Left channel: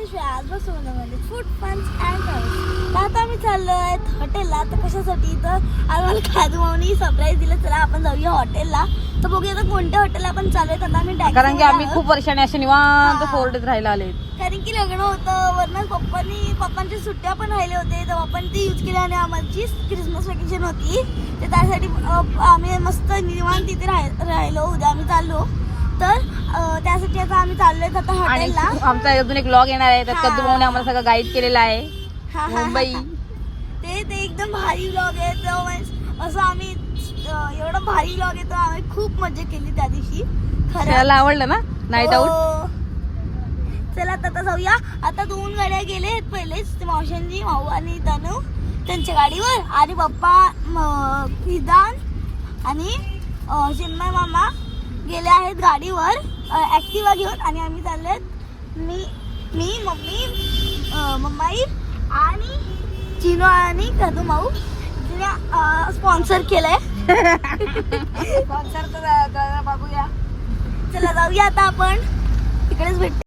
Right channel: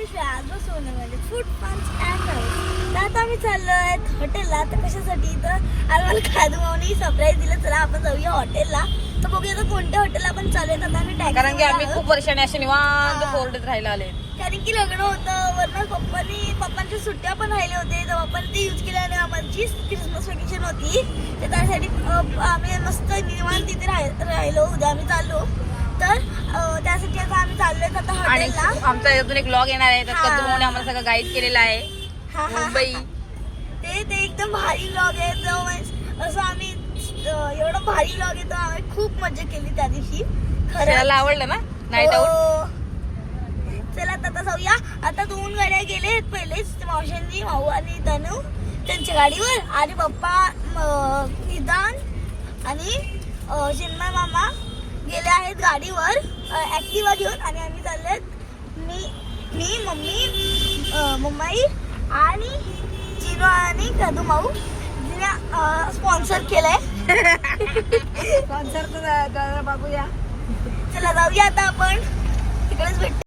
आज बसवलं म्हणजे फूड पंच अँड राईस. आता आम्ही चाललोय हॉटेलला. तर कशासाठी? तर आम्हाला खादूमावनी सरप्राईज दिलं, चला आपण जाऊया हॉटेलला. तर बघूया आता कोणत्या हॉटेलला आपण चालू आहे. आता आम्ही कारण की आम्ही खूप वर्षाने असे निवांत फोर्टच राहायला आले. कारण की लग्न होतं वरनं पप्पांच्या सुट्ट्या पण राहिले होते, तेव्हा आपण ते यूज केले आणि आमची क्रिसमस वेकेशन होती. तर त्यासाठी आम्ही मस्त निवांत तिथे राहिलो. उद्या आम्ही चाललो. तर त्यासाठी आता आम्ही चाललोय आता हॉटेलला. आमचा अजून एक व्लॉग येणार आहे, त्यात कद्दू भाऊने आम्हाला सगळं गाईड केलेलं आहे. मुंबई ते एकदम भारी व्लॉग आहे. तर असं आम्ही एवढा भारी व्लॉग आहे, तर आम्ही खूप मजा केली त्या दिवशी. खरं आवडलं ना नाईट आउट. चला आता जाऊया. आता 2 गाड्या गेले पहिलेच, मावशांनी माऊ आणि तनू त्यांच्या गाडीवर, आणि पप्पा विधान आणि चिन्मय मामा गेले आहेत गाडीवर ऍक्टिवा घेऊन. आणि आम्ही चाललोय मी मम्मी मम्माई आणि चिनो आणि कदू माऊ जिने स्पॉन्सर केलंय. स्पॉन्सर बघूया. चला जाऊया आता आपण तिकडेच भेटतो.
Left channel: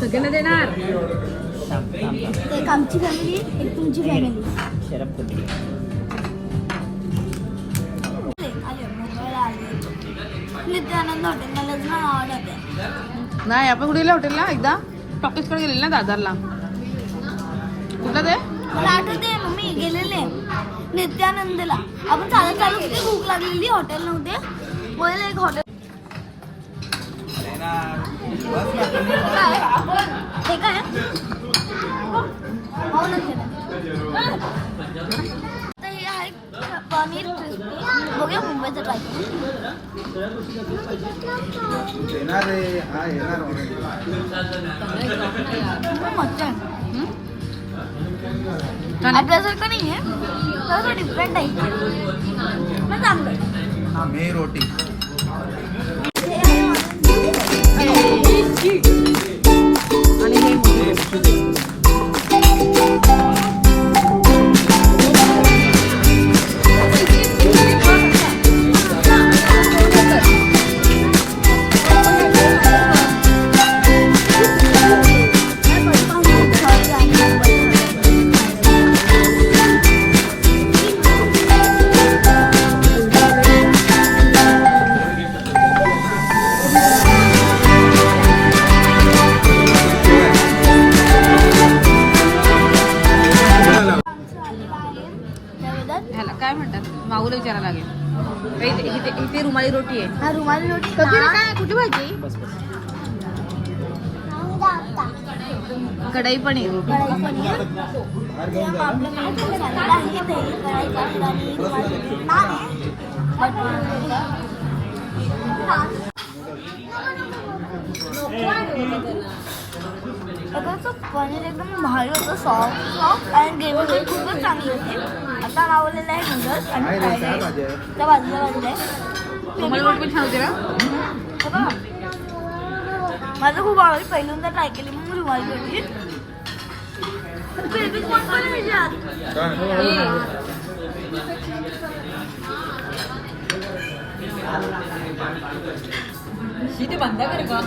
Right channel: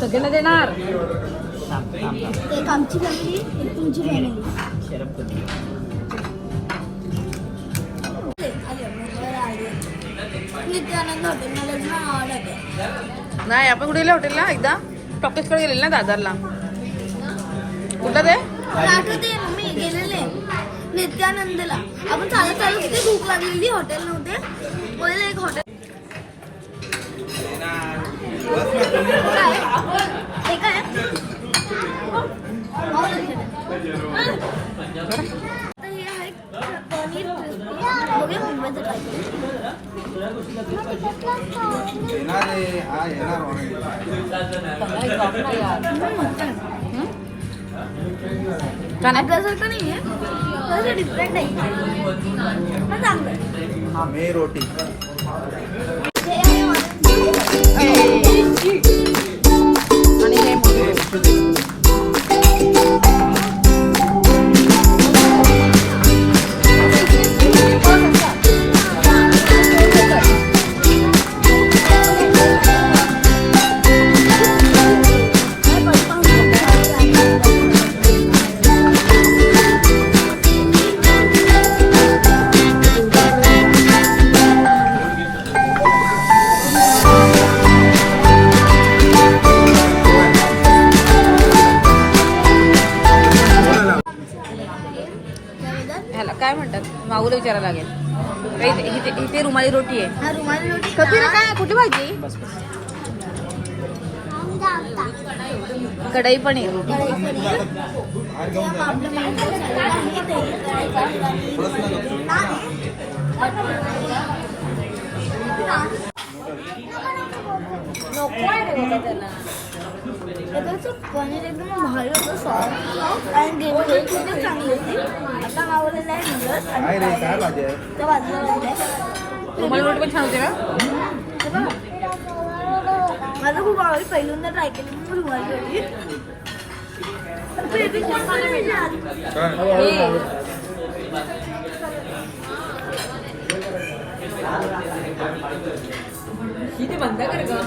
सगळ्यांना देणार. एक आमची फॅमिली, एक तुमची फॅमिली. नित्यानंद हॉटेलला लग्न आवडत नाही, आपण कुठे गेलो हॉटेलला? एकदा टॉकीजकडे गेलेले ना दादरला. कुठलं ते आठवते मम्मी गेलेले नित्यानंदला. आपण चालत चालत तिथे भूक लागलेली, हॉटेल नव्हते. पहिले एक हॉटेल पनीर बघूया मुंबईचं ट्राय छान आहे. आपल्यासारखं नाही आहे, थोडंसं डिफरंट आहे. चांगलं आम्ही रोटी आणि हे काय म्हणतात मागूला विचारायला लागेल. इथे रुमाली रोटी आहे. रुमाली रोटी कुठे भाजी? कढई पण आहे. पनीर एकदम भारी होतं, सॉफ्ट आणि ग्रेव्ही पण खूपच चांगली होती. आता मावलेलं नाही नूडल्स आणि त्या बाजूला रुमाली रोटी पण छान होते ना. माझं खूप आवडली. पहिल्यांदा ट्राय केली मी रुमाली रोटी. बंद कर.